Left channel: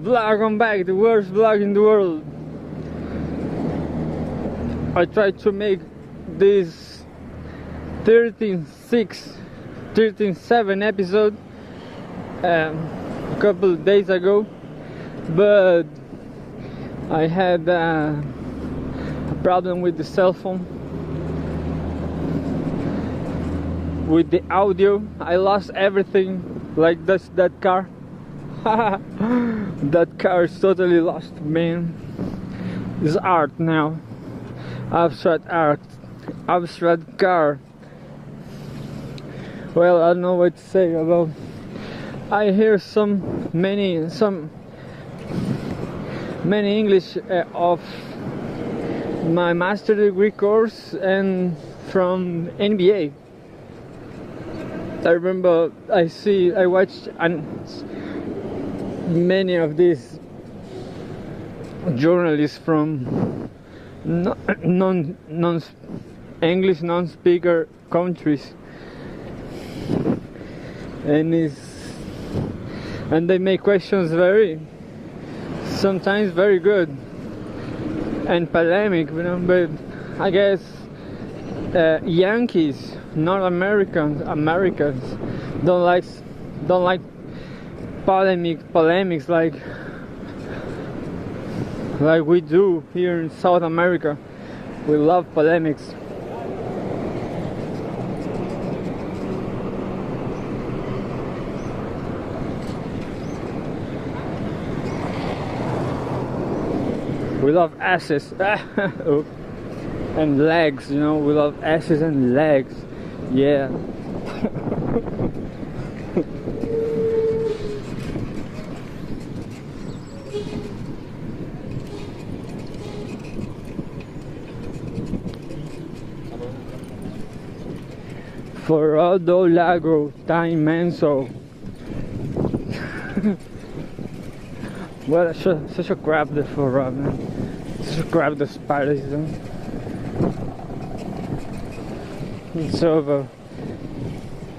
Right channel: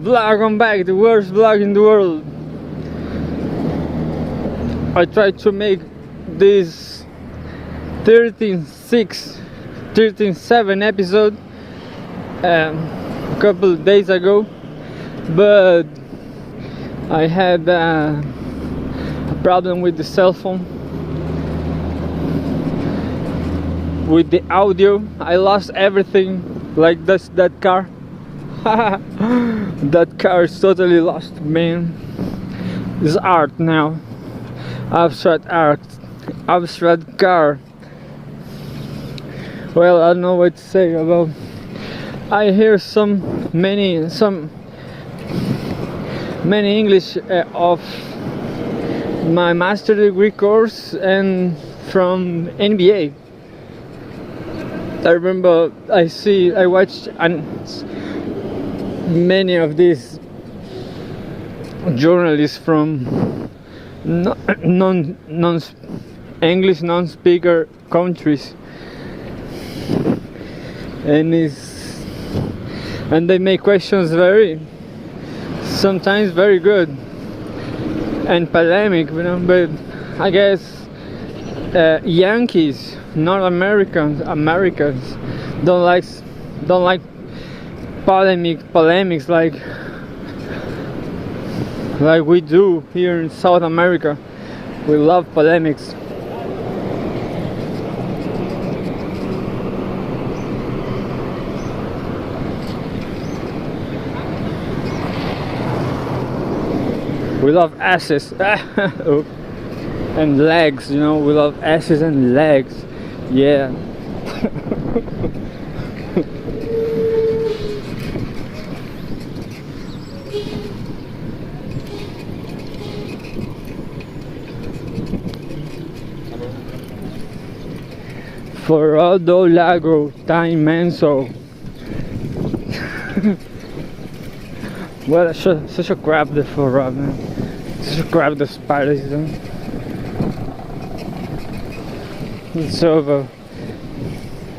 VlogOnBike, the worst vlog in the world. I tried to make this 13.7 episode a couple of days ago, but I had a problem with the cell phone, with the audio. I lost everything, like that car. That car is totally lost, man. It's art now. Abstract art, abstract car. Well, I don't know what to say about. I hear many English of my master degree course and from NBA. I remember I watched many of these journalists from non-English non-speaker countries, and they make questions sometimes very good and polemic, but I guess Yankees, not Americans don't like polemics like we do here in South America. We love polemics. We love asses. And legs, we love asses and legs. Yeah. For Aldo Lago, time menso. Well, such a crap the for man. Such a crap the spiders. The server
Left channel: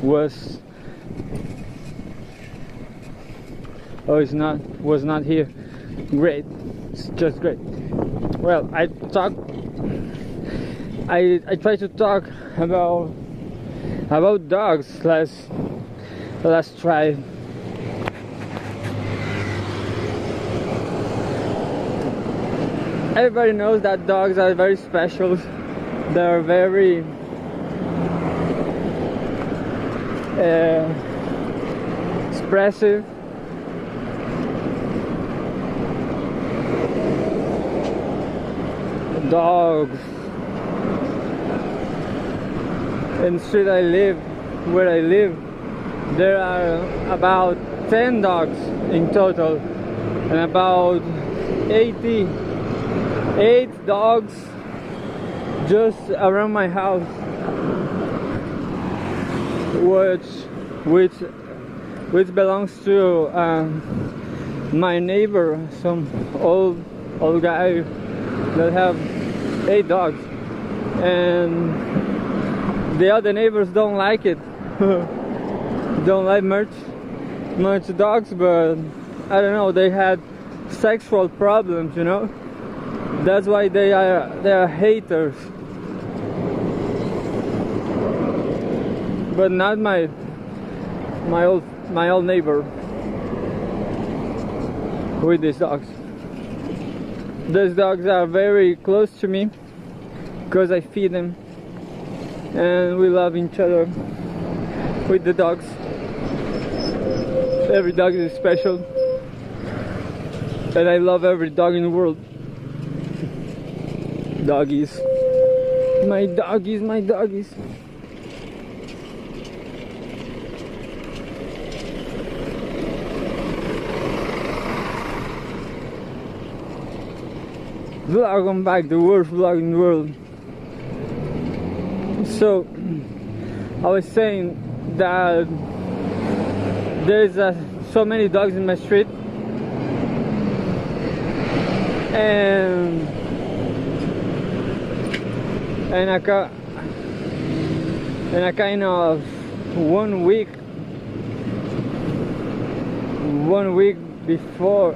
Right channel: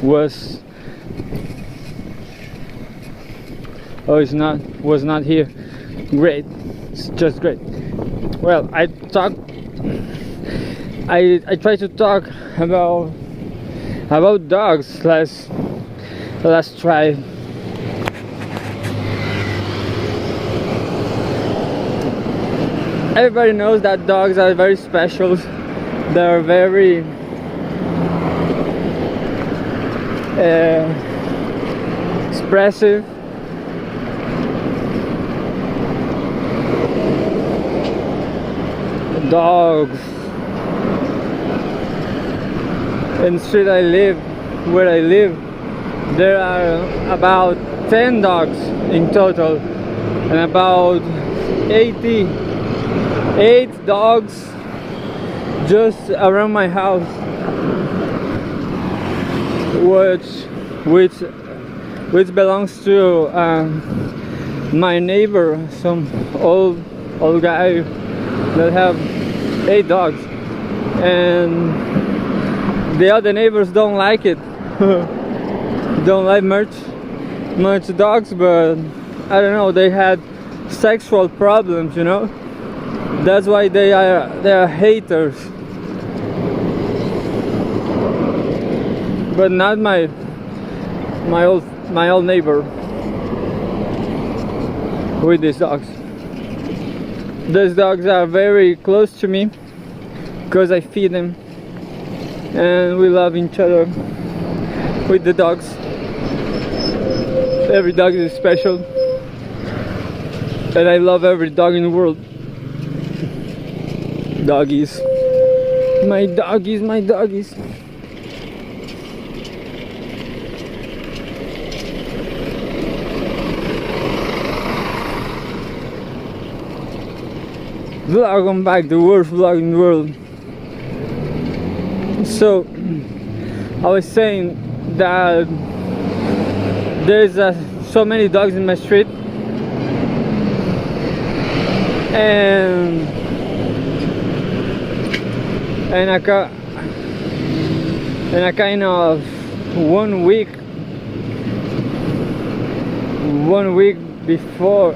was was not here. Great, it's just great. Well, I tried to talk about dogs last try. Everybody knows that dogs are very special. They're very expressive. Dogs. In the street where I live, there are about 10 dogs in total, and about 88 dogs just around my house, which belongs to my neighbor, some old guy that have 8 dogs, and the other neighbors don't like it. Don't like much dogs, but I don't know, they had sexual problems, That's why they are haters. But not my old neighbor with these dogs. These dogs are very close to me because I feed them, and we love each other with the dogs. Every dog is special, and I love every dog in the world. Doggies, my doggies. VlogOnBike, the worst vlog in the world. So I was saying that there's so many dogs in my street, and a kind of one week before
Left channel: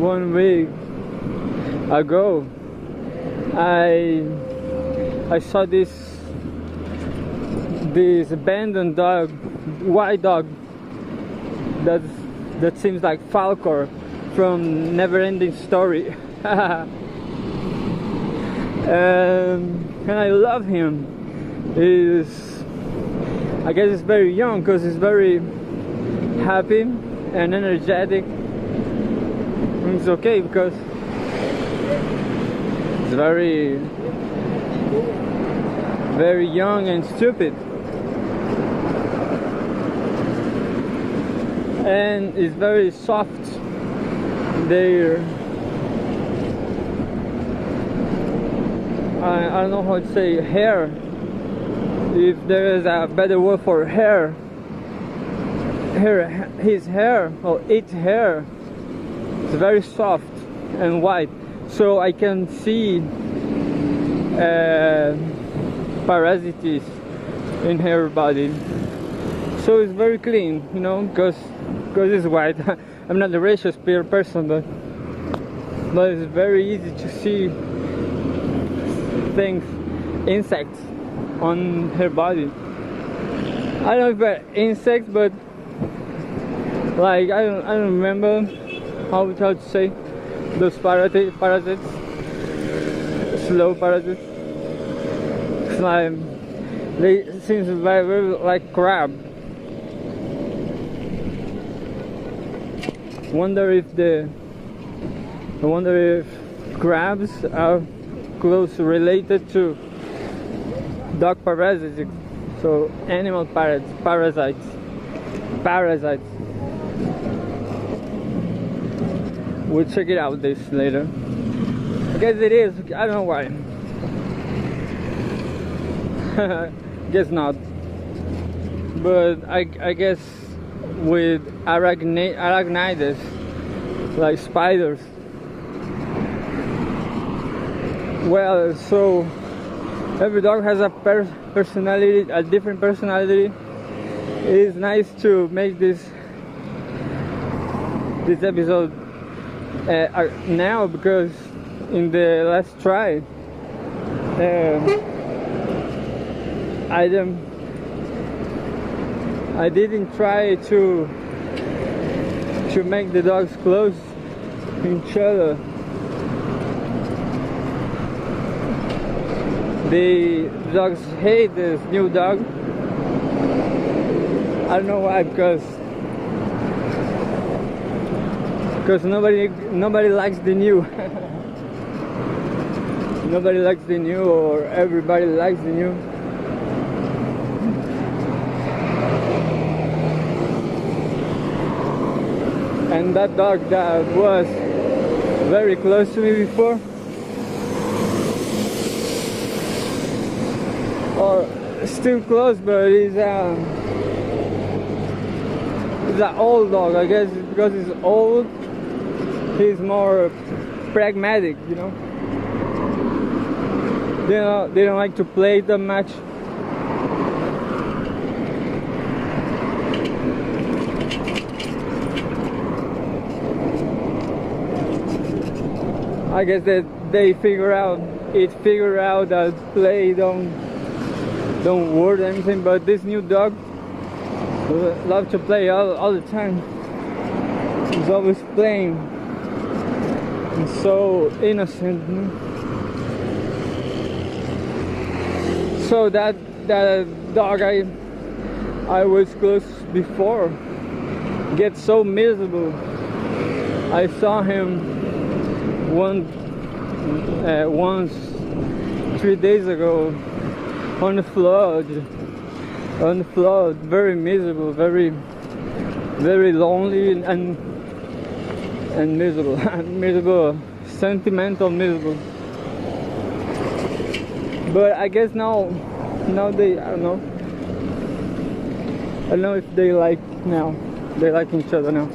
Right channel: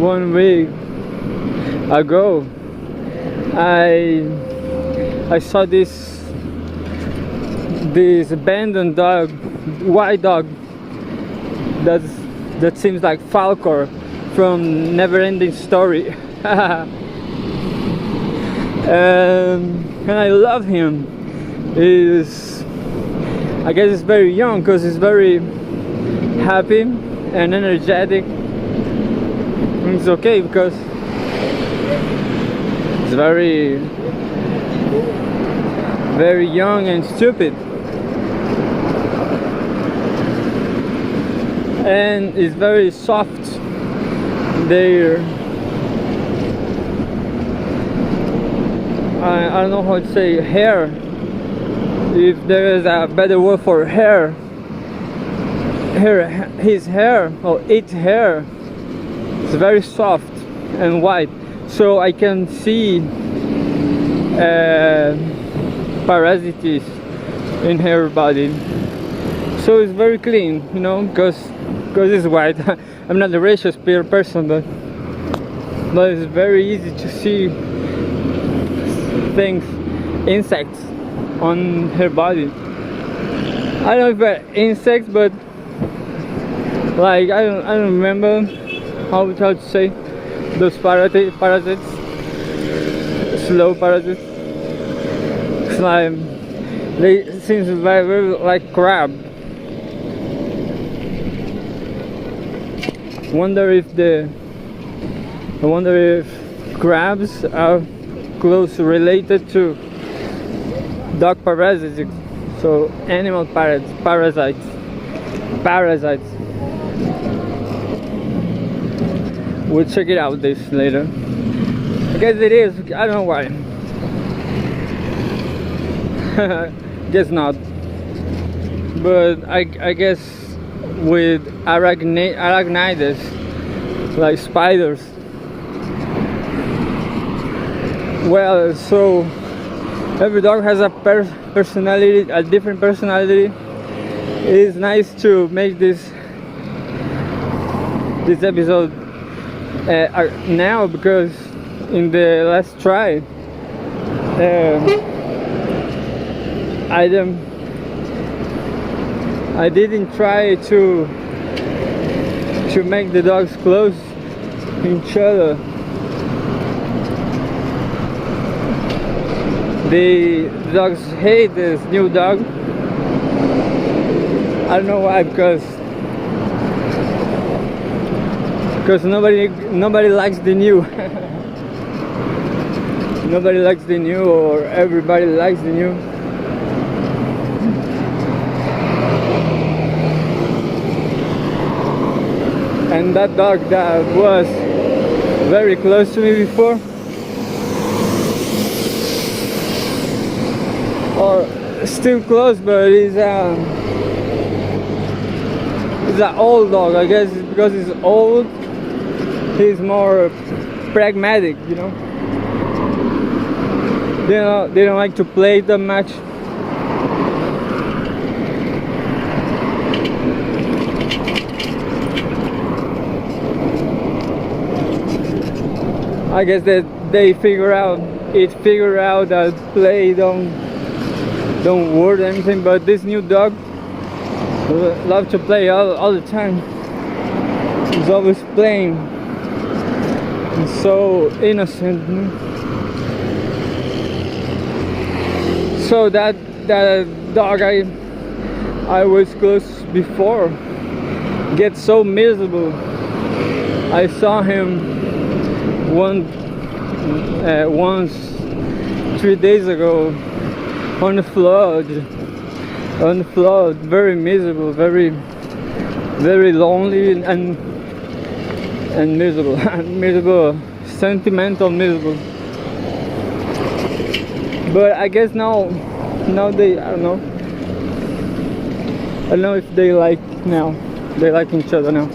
1 week ago, I saw this abandoned dog, white dog, that seems like Falcor from Neverending Story. And I love him. I guess he's very young because he's very happy and energetic. And it's okay because it's very young and stupid. And it's very soft. I don't know how to say hair, if there is a better word for hair. His hair, or its hair, is very soft and white, so I can see parasites in her body. So it's very clean, you know, because it's white. I'm not a racist person, but it's very easy to see things, insects on her body. I don't know if they're insects, but like I don't remember how to say those parasites, slow parasites. It's like they seem very like crab. I wonder if crabs are close related to dog parasites, so animal parasites. We'll check it out this later. I guess it is. I don't know why. Guess not. But I guess with arachnids, like spiders. Well, so every dog has a personality, a different personality. It is nice to make this episode now, because in the last try I didn't try to make the dogs close to each other. The dogs hate this new dog. I don't know why, because nobody likes the new. Nobody likes the new, or everybody likes the new. And that dog that was very close to me before, or still close, but he's an old dog. I guess because he's old, he's more pragmatic, you know. They don't like to play that much. I guess that they figure out that play don't work or anything. But this new dog loves to play all the time. He's always playing. He's so innocent. So that dog I was close before gets so miserable. I saw him once 3 days ago on the flood, very miserable, very lonely and miserable. Miserable, sentimental, miserable. But I guess now they, I don't know if they like each other now.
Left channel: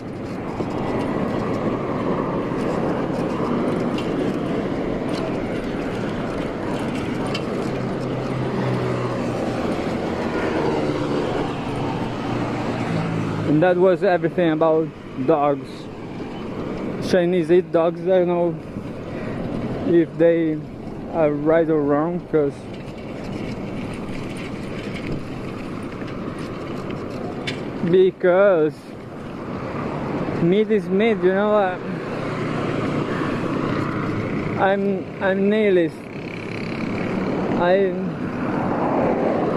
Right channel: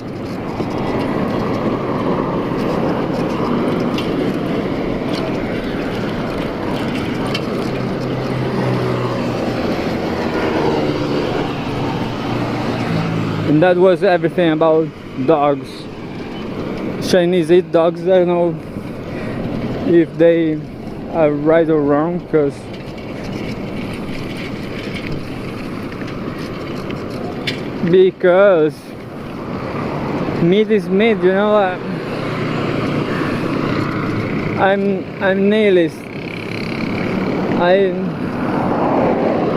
And that was everything about dogs. Chinese eat dogs. I don't know if they are right or wrong, because meat is meat, you know. I'm nihilist. I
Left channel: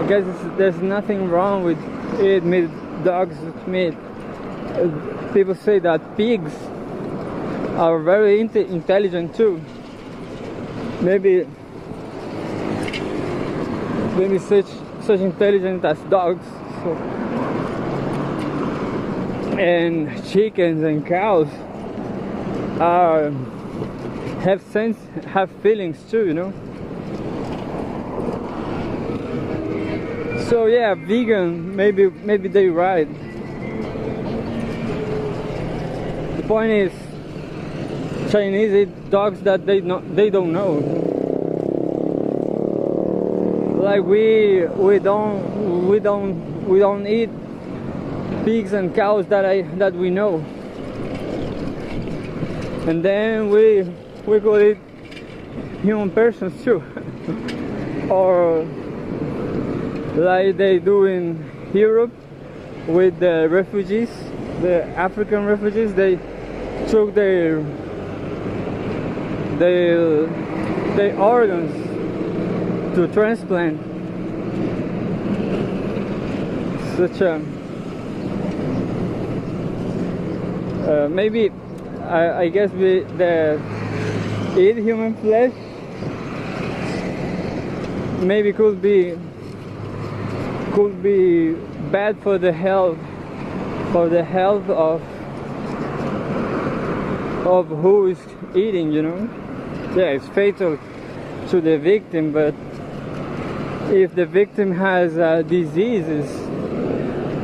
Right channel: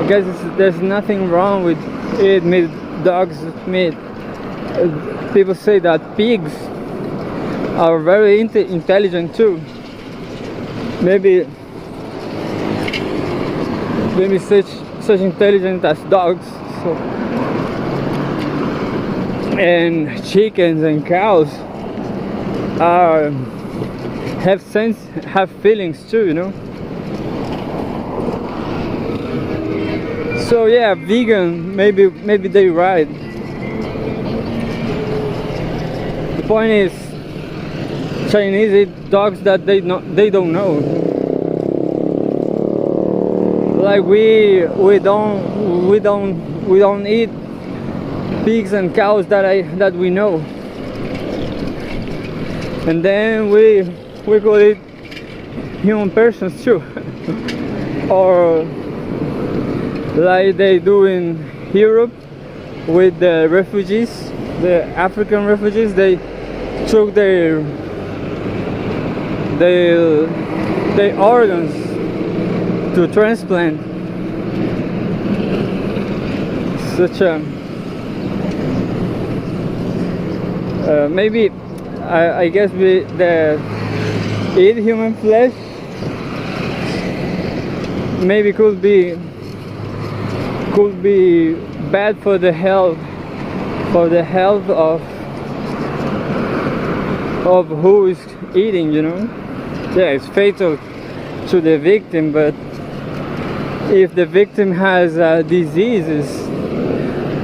guess there's nothing wrong with eating meat, dogs meat. People say that pigs are very intelligent too. Maybe such intelligent as dogs. So, and chickens and cows have feelings too, you know. So yeah, vegan, maybe they're right. The point is, Chinese eat dogs that they don't know. Like we don't eat pigs and cows that we know. And then we could eat human persons too. Or like they do in Europe with the refugees, the African refugees. They took their organs to transplant. Such a maybe I guess we eat human flesh maybe could be bad for the health of who is eating, you know. Yeah, it's fatal to the victim, but if the victim has diseases,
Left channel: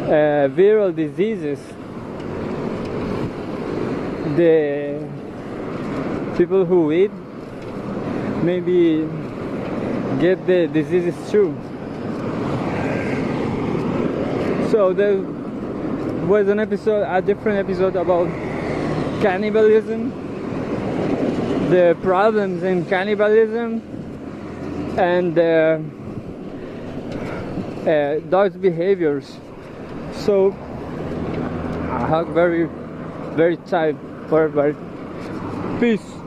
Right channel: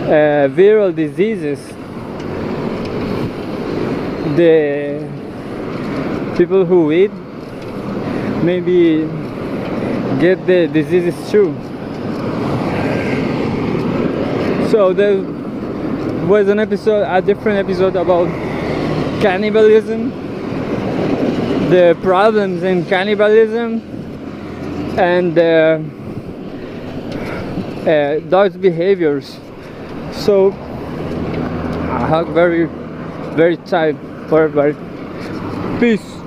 viral diseases, the people who eat maybe get the diseases too. So there was a different episode about cannibalism, the problems in cannibalism, and dogs' behaviors. So I hug very tight for everybody. Peace.